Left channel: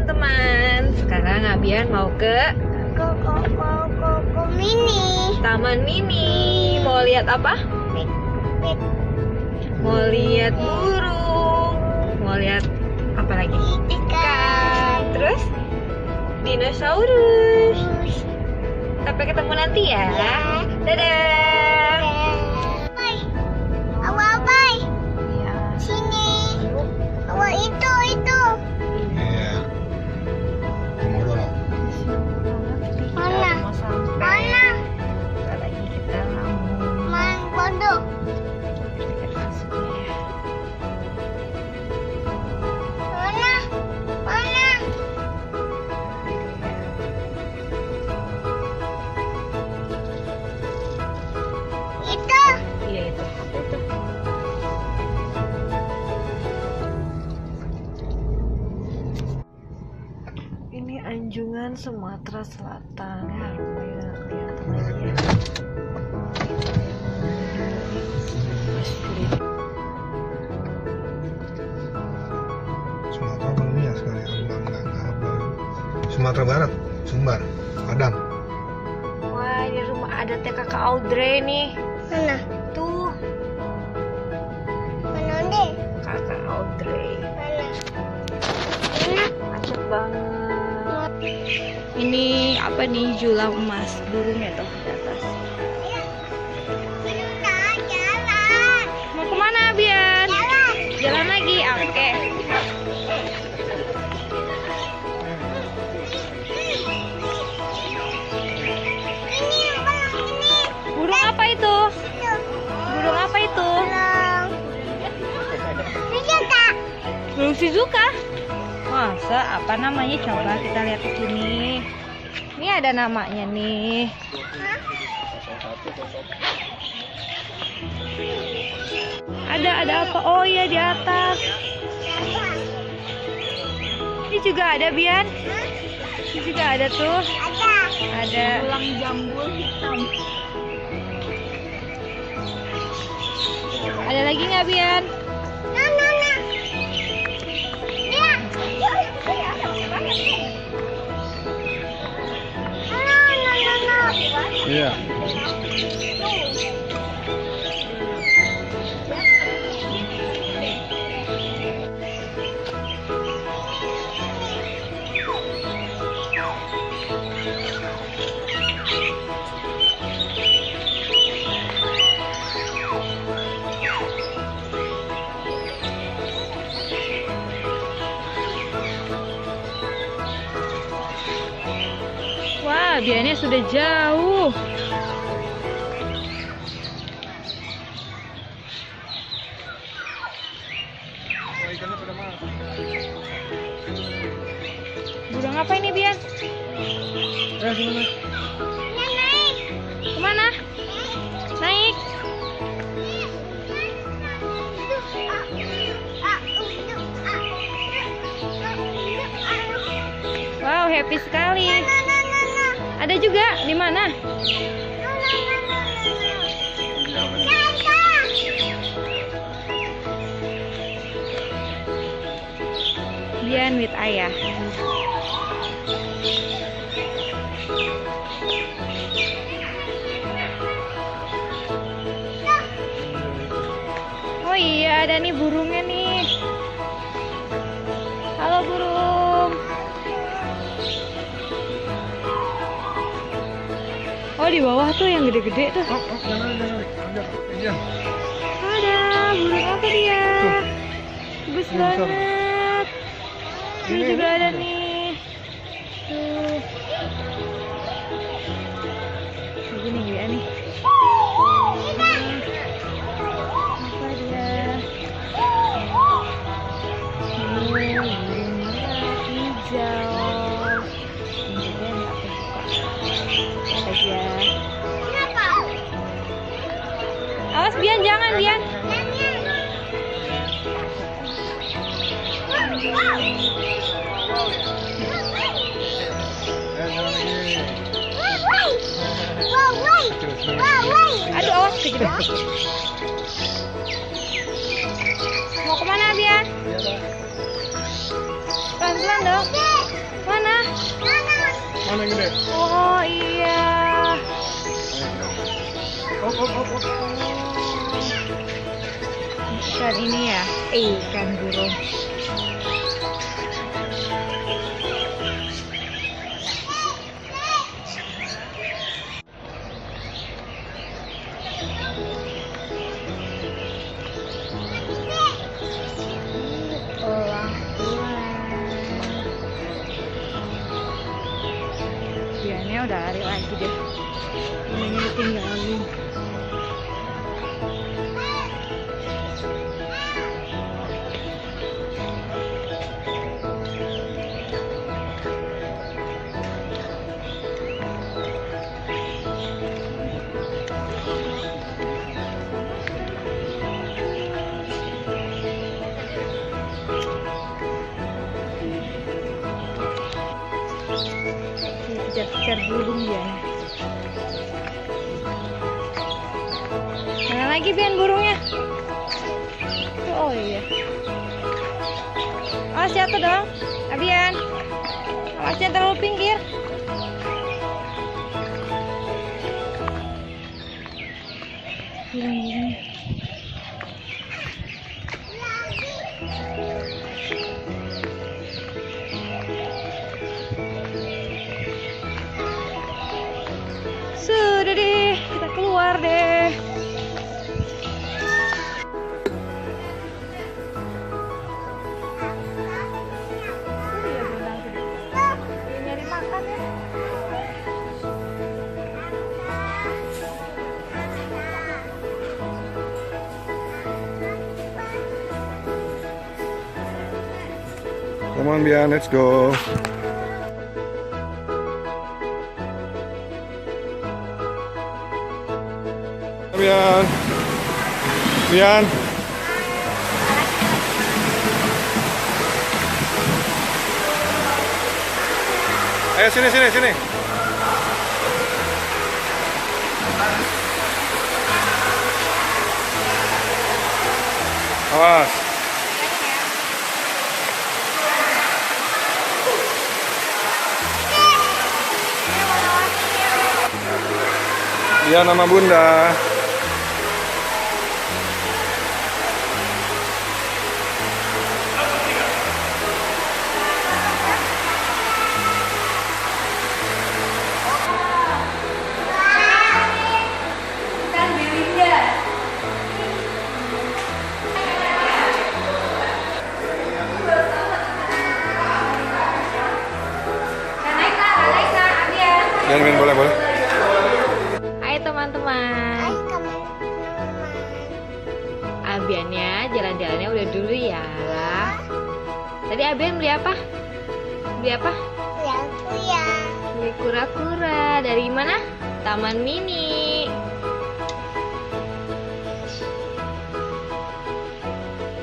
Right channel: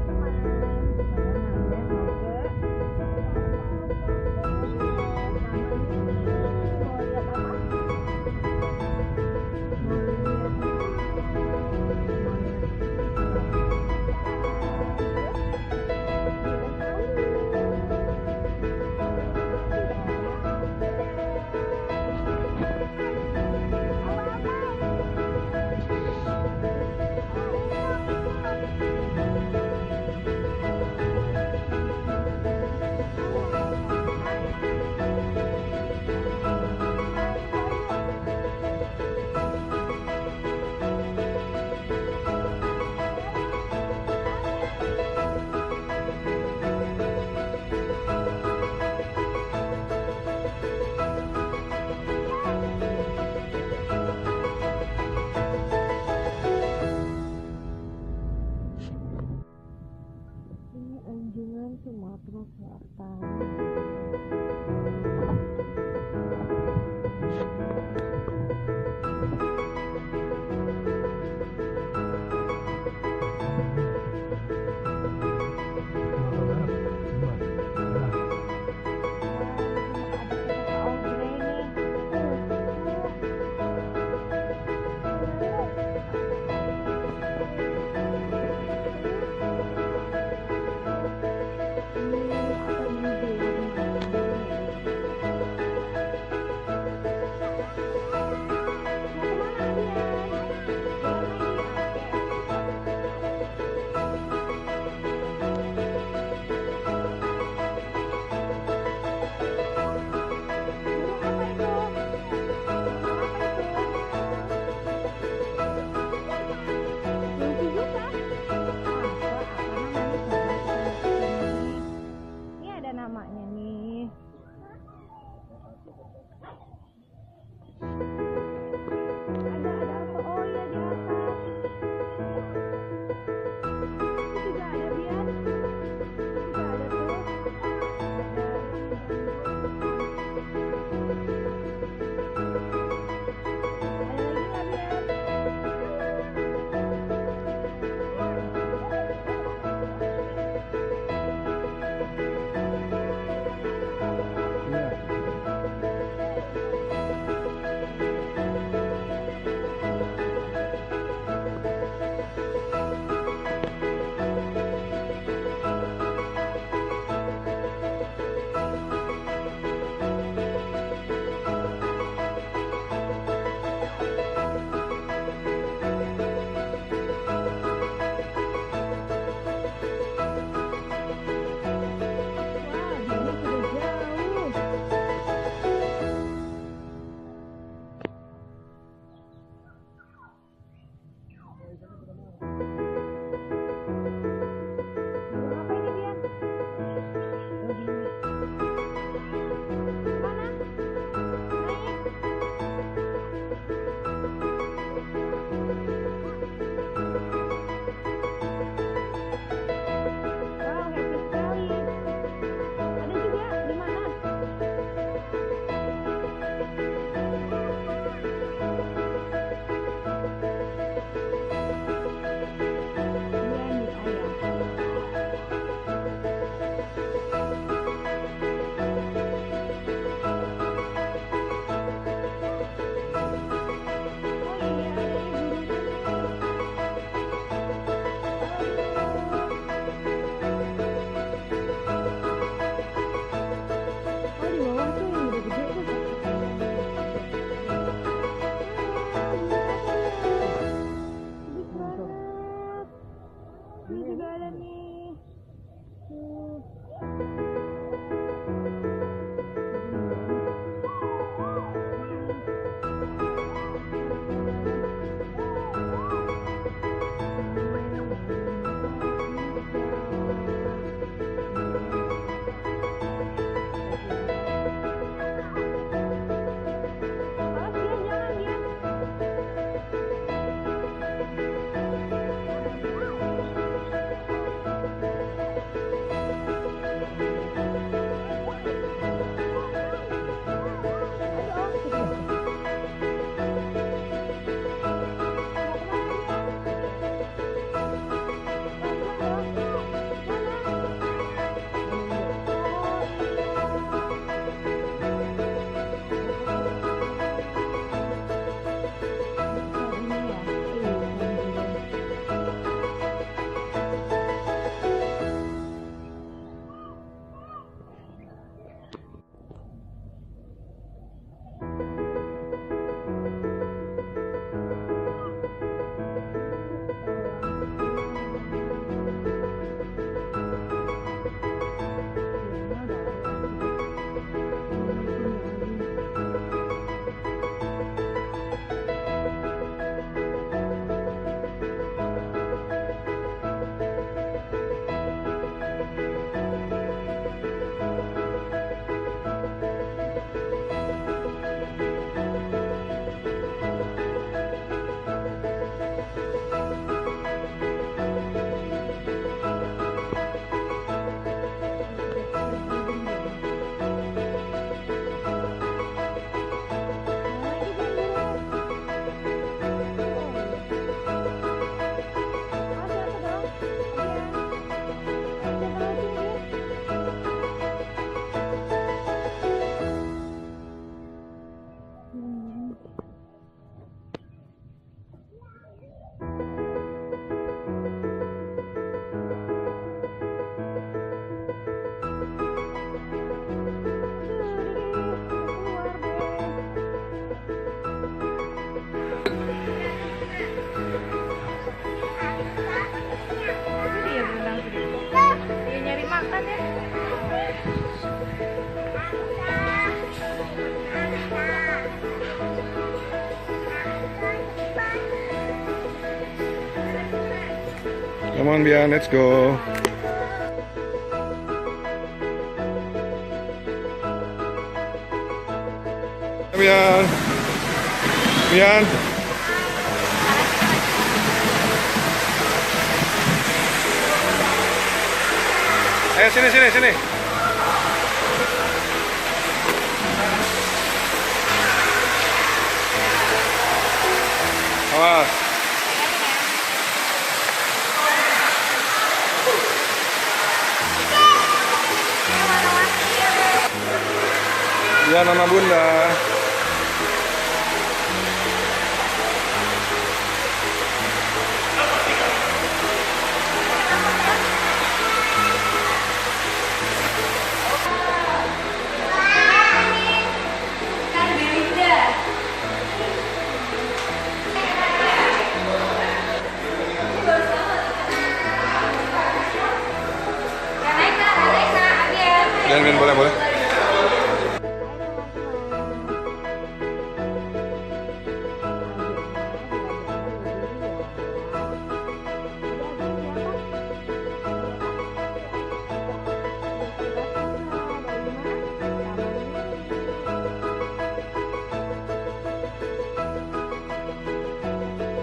teman-teman. Sekarang Abian mau ke Mini. Taman Mini. Mau lihat apa? Mau lihat burung. Mau lihat apa lagi? Ikan. Terus dinosaurus. Sampai ketemu nanti ya. Dadah. Abai. Sini. Awak itu. Mana? Mana? Man bodoh. Mana? Itu. Iya itu. Ini Anjungan Sumatera Selatan ya, lumayan kelihatan lagi ya. Sumatera belum ya sekali Sumatera Barat, Sumbar, Padang. Wah, ini rumah adatnya kakak Audrey nih. Mana? Tuh, Mana deh? kakak Audrey. Mana? Macet banget. Ini apa nih, julang emas burungnya tuh di atas. Kita jalan. Mau kemana Bian? Jalan lagi, oke. Ini abang ini. Burung apa itu? Burung apa itu? Sujuka. Burung Shizuka. Masa? Apa namanya? Coba kita lihat di sini. Ini ada namanya nih. Ada apa? Oh iya, di atas. Ini juga ada Bian. Ini juga ada tuh. Ada. Tulang jambul hitam. Ada lagi nggak Bian? Nah. Iya. Wah, Biannya sudah jauh. Burung apa ini Bian? Kemana? Naik. Wow, happy sekali. Ada juga di mana? Bian with ayah. Oh iya, ada nih burungnya nih. Halo burung. Oh, di bawah tuh yang gede-gede tuh. Ada burung apa dia? Bagus banget. Ini juga ada nih. Tuh. Begini dia nih. Apa dia? Burung merah hijau. Ini dia nggak suka. Apa dia? Awas Bian, jangan Bian. Aduh, awas kejebak. Mau kemana Bian? Pelan-pelan dong. Mana? Mana yang gede? Oh iya. Ikan ini ya, ikan burung. Orang tua. Dianya udah lari lagi deh. Ini ditinggalin. Kejar-kejar burung dia. Mana lagi Bian burungnya? Oh iya. Awas jatuh dong, Abian. Awas jangan terlalu pinggir. Burung-burung. Sudah deh, kita keluar deh. Ini dia berenang gede. Dia nyari makan ya. Come on, Bian, let's go. Bian. Bian. Ayo sini. Awas. Bian sama Bunda. Bian, boleh. Hai teman-teman. Abiannya jalan-jalannya udah dulu ya. Tadi Abian beli apa? Ya. Beli kura-kura. Dari mana? Taman Mini.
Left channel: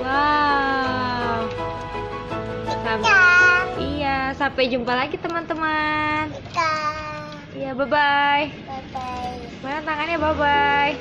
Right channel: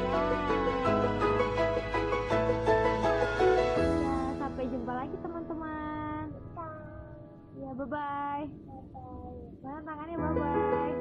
Wow. Iya, sampai jumpa lagi teman-teman. Iya, bye-bye. Bye-bye. Mana tangannya bye-bye.